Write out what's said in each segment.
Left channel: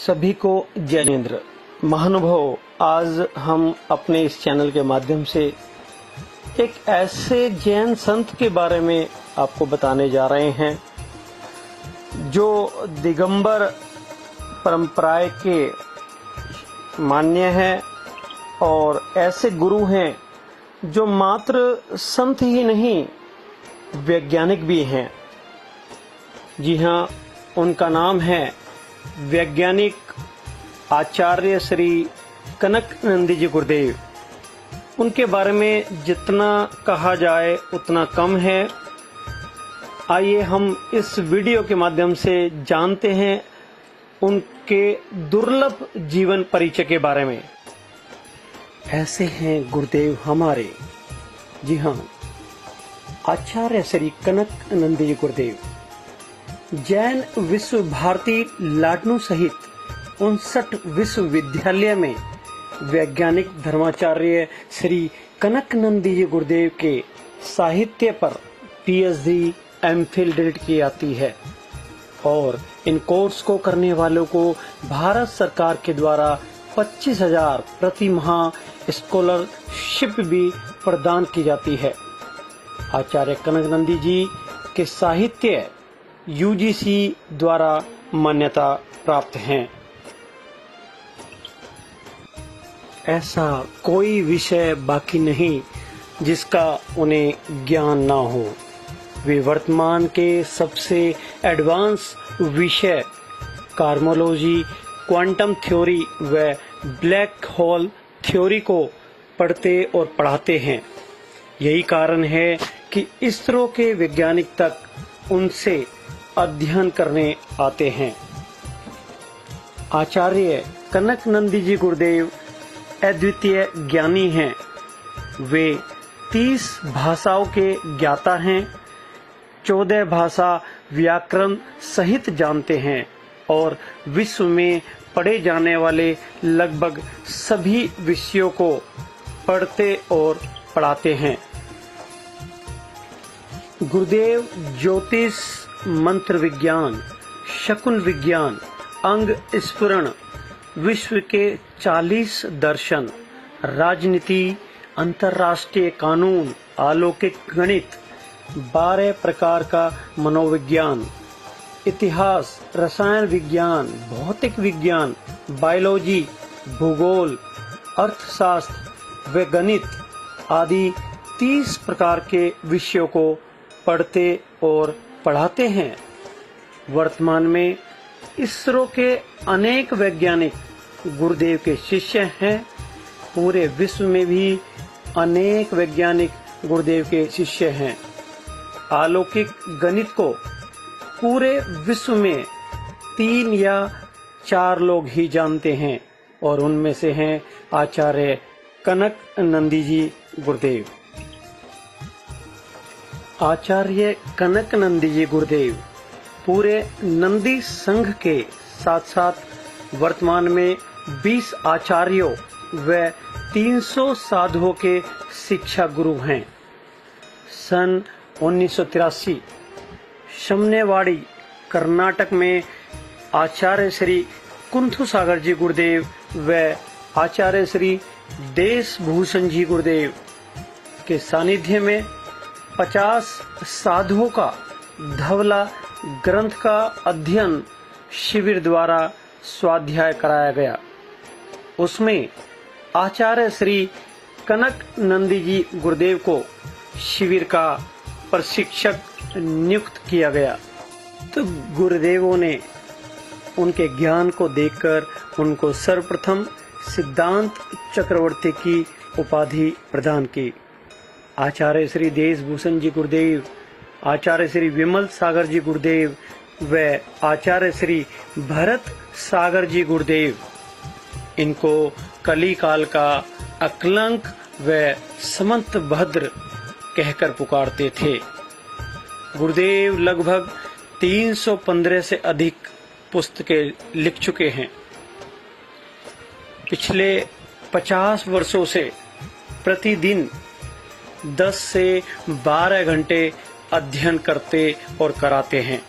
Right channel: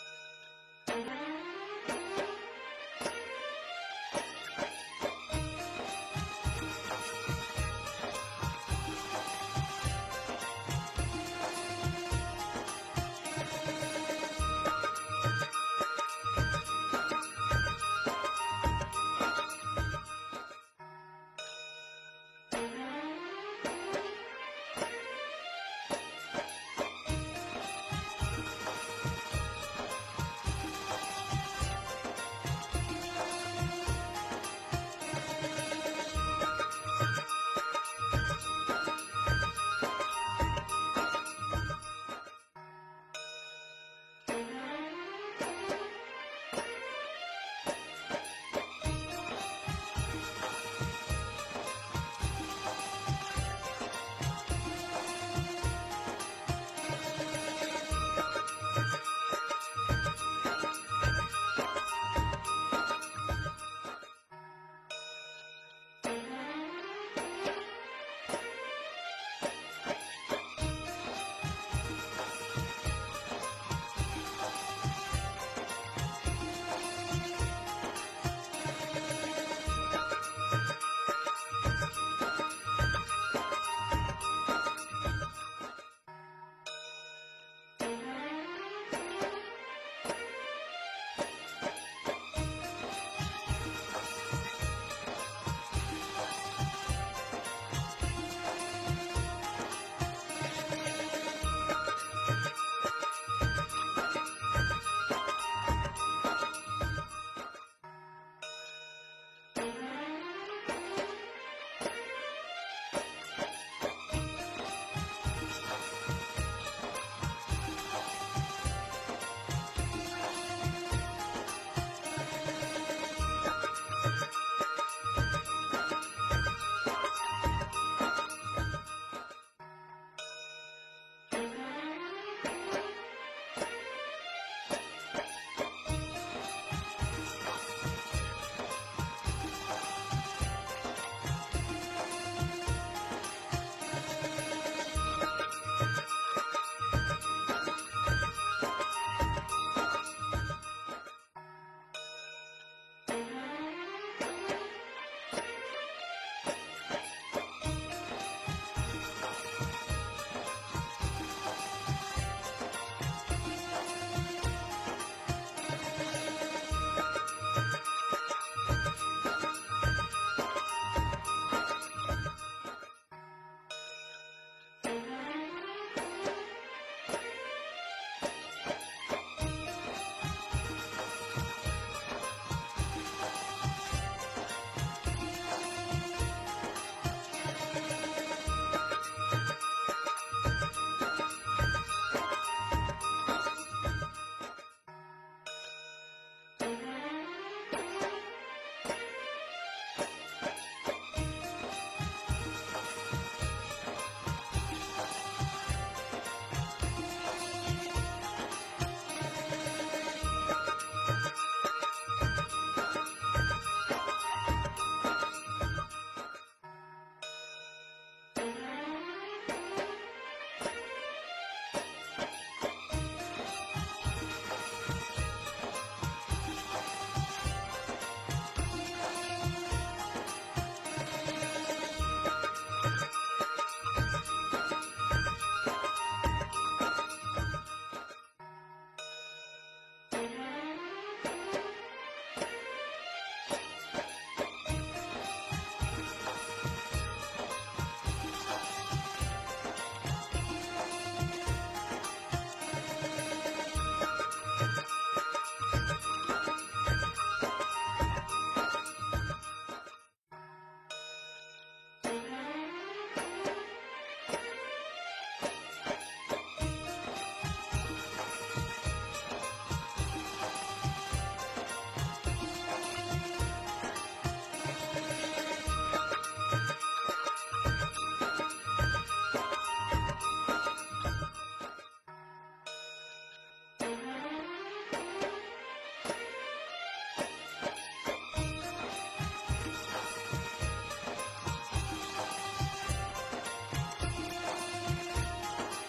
सभी को जैनेन्द्र। महानुभाव, आज हम अपने इस चैनल के माध्यम से एक ऐसे जैन संत के बारे में आपको बताने जा रहे हैं जो दिगंबर परंपराएं के मान्य है और ऐसे गुरु हैं जो मात्र संत ही नहीं वैज्ञानिक भी हैं। जी हाँ, उनका नाम है वैज्ञानिक आचार्य श्री कनकानंद जी गुरुदेव। उनके बारे में जितना कहा जाए उतना कम है। आइए हम इस वीडियो के माध्यम से जानते हैं उनके दुर्लभ जीवन परिचय के बारे में। ऐसे हैं गुरुदेव हमारे। जी हाँ, आचार्य श्री कनकानंद जी गुरुदेव जैन विश्व भारती लाडनू सहित 59 विश्वविद्यालय में वैज्ञानिक धर्माचार्य श्री कनकानंद जी गुरुदेव के साहित्य पर पीएचडी एमफिल डिग्री की जाती है और इन कोर्स को करने वालों को भारत सरकार के द्वारा 25,000 प्रति माह स्कॉलरशिप भी प्रदान की जाती है। आचार्य कनकानंद जी के साहित्य यूजीसी द्वारा मान्यता प्राप्त हैं। ऐसा कोई विषय बाकी नहीं जिसका उन्हें ज्ञान ना हो। वे वर्तमान के सबसे एडवांस विषय कार्मोलॉजी, क्वांटम थ्योरी व ब्लैक होल थ्योरी को पढ़ते और पढ़ाते हैं। यही कारण है कि इसरो के वैज्ञानिक तक उनसे अध्ययन करने आते हैं। आचार्य कनकानंद जी गुरुदेव अद्वितीय ज्ञानी हैं। वे 30 भाषाओं के ज्ञाता हैं, 14 भाषा व्याकरण सहित जानते हैं और विश्व में पढ़े जाने वाले लगभग सभी विषयों को पढ़ते और पढ़ाते हैं। गुरुदेव ज्योतिष, मंत्र विज्ञान, शकुन विज्ञान, अंग स्फुरण, विश्व के 40 दर्शन, राजनीति, अंतर्राष्ट्रीय कानून, अलौकिक गणित, 12 प्रकार का मनोविज्ञान, इतिहास, रसायन विज्ञान, भौतिक विज्ञान, बायोलॉजी, भूगोल, अर्थशास्त्र व गणित आदि 30 प्रकार के विषयों को पढ़ते और पढ़ाते हैं। वर्तमान में इसरो के अनेक वैज्ञानिक गुरुदेव के शिष्य हैं। पूरे विश्व में भी अनेक वैज्ञानिक गुरुदेव के शिष्य हैं। अलौकिक गणित को पूरे विश्व में 3 या 4 लोग ही जानते हैं और उनमें से हैं आचार्य कनकानंद जी गुरुदेव। आचार्य कनकानंद जी गुरुदेव पूरे नंदी संघ के साथ साथ वर्तमान में 20 आचार्यों व 300 साधुओं के शिक्षा गुरु हैं। सन 1983 शमनेवाड़ी कर्नाटक में आचार्य श्री कुंथु सागर जी गुरुदेव व आचार्य श्री देश भूषण जी गुरुदेव के सानिध्य में 50 साधुओं का धवला ग्रंथ का अध्ययन शिविर द्वारा स्वाध्याय कराया गया। उसमें आचार्य श्री कनकानंद जी गुरुदेव को शिविर का प्रशिक्षक नियुक्त किया गया। तो गुरुदेवों ने उनके ज्ञान को देखकर उनको सर्वप्रथम सिद्धांत चक्रवर्ती की उपाधि प्रदान की। आचार्य श्री देशभूषण जी गुरुदेव, आचार्य श्री विमल सागर जी गुरुदेव व आचार्य श्री भरत सागर जी गुरुदेव इनको कली काल का अकलंक व समंत भद्र कहकर पुकारते थे। गुरुदेव लगभग 315 से अधिक पुस्तकें लिख चुके हैं। पिछले 50 वर्षों से प्रतिदिन 10 से 12 घंटे अध्ययन करते और कराते हैं।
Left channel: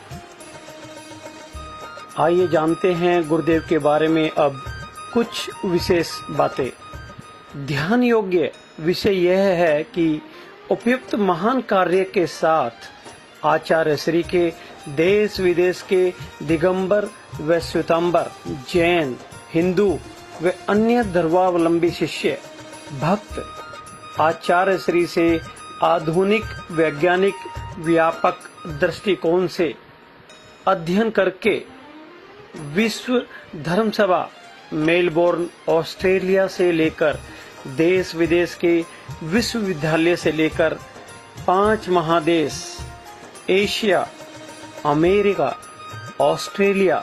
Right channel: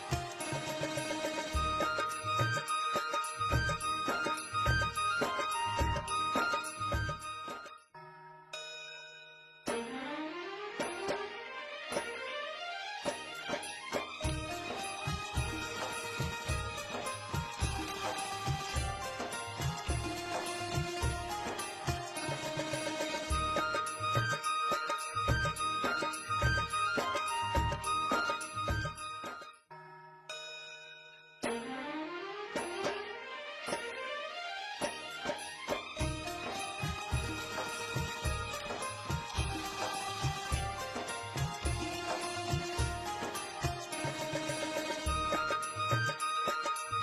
आइए जानते हैं गुरुदेव के बारे में अब कुछ विशेष बातें। ध्यान योग्य विषय यह है कि उपयुक्त महान कार्य के साथ आचार्य श्री के देश विदेश के दिगंबर व श्वेतांबर, जैन, हिंदू व अन्य धर्मावलंबी शिष्य भक्त आचार्य श्री से आधुनिक वैज्ञानिक व्यापक दृष्टिकोण से अध्ययन करके विश्व धर्म सभा मेलबोर्न ऑस्ट्रेलिया से लेकर देश विदेश के विश्वविद्यालय से लेकर 5 महादेश एशिया, अमेरिका, ऑस्ट्रेलिया,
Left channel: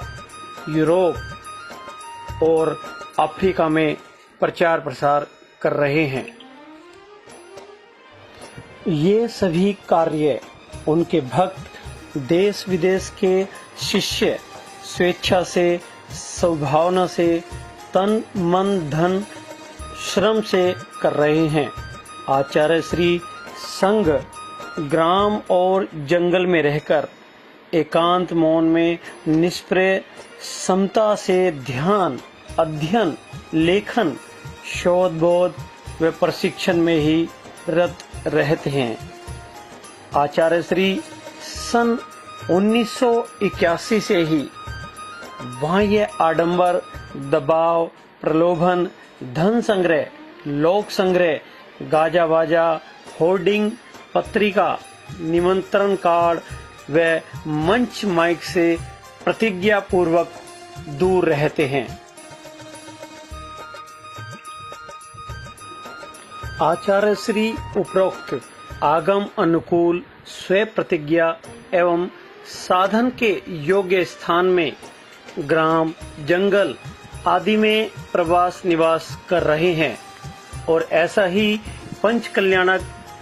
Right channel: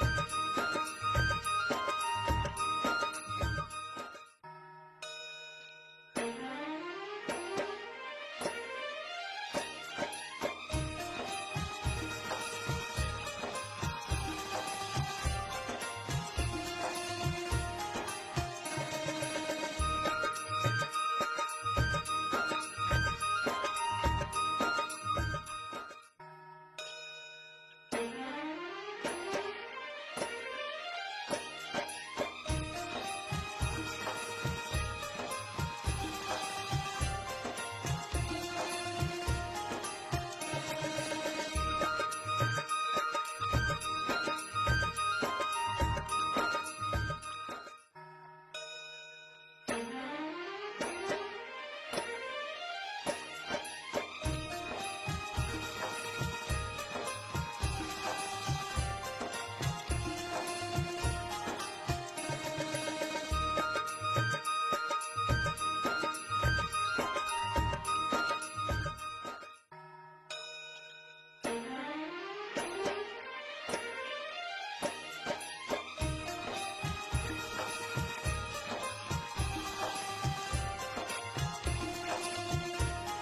यूरोप और अफ्रीका में प्रचार प्रसार कर रहे हैं। ये सभी कार्य उनके भक्त देश विदेश के शिष्य स्वेच्छा से, सद्भावना से, तन मन धन श्रम से कर रहे हैं। आचार्य श्री संघ ग्राम और जंगल में रहकर एकांत मौन में निष्प्रय समता से ध्यान, अध्ययन, लेखन, शोध बोध व प्रशिक्षण में ही रत रहते हैं। आचार्य श्री सन 1981 से ही बाह्य आडंबर, दबाव, प्रलोभन, धन संग्रह, लोक संग्रह, गाजा बाजा, होर्डिंग, पत्रिका, निमंत्रण कार्ड व मंच माइक से प्रतिज्ञा पूर्वक दूर रहते हैं। आचार्य श्री उपरोक्त आगम अनुकूल स्व प्रतिज्ञा एवं साधन के योग्य स्थान में ग्राम, जंगल आदि में प्रवास निवास कर रहे हैं और ऐसा ही पंच कल्याणक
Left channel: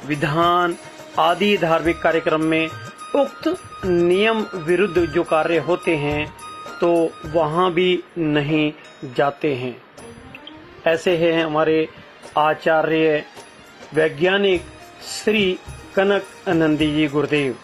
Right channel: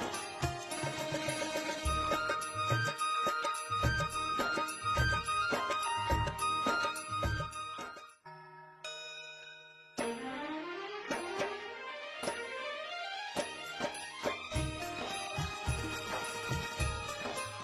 विधान आदि धार्मिक कार्यक्रम में उक्त नियम विरुद्ध जो कार्य होते हैं तो वहां भी नहीं जाते हैं। ऐसे हैं हमारे आचार्य वैज्ञानिक श्री कनक आनंदी जी गुरुदेव।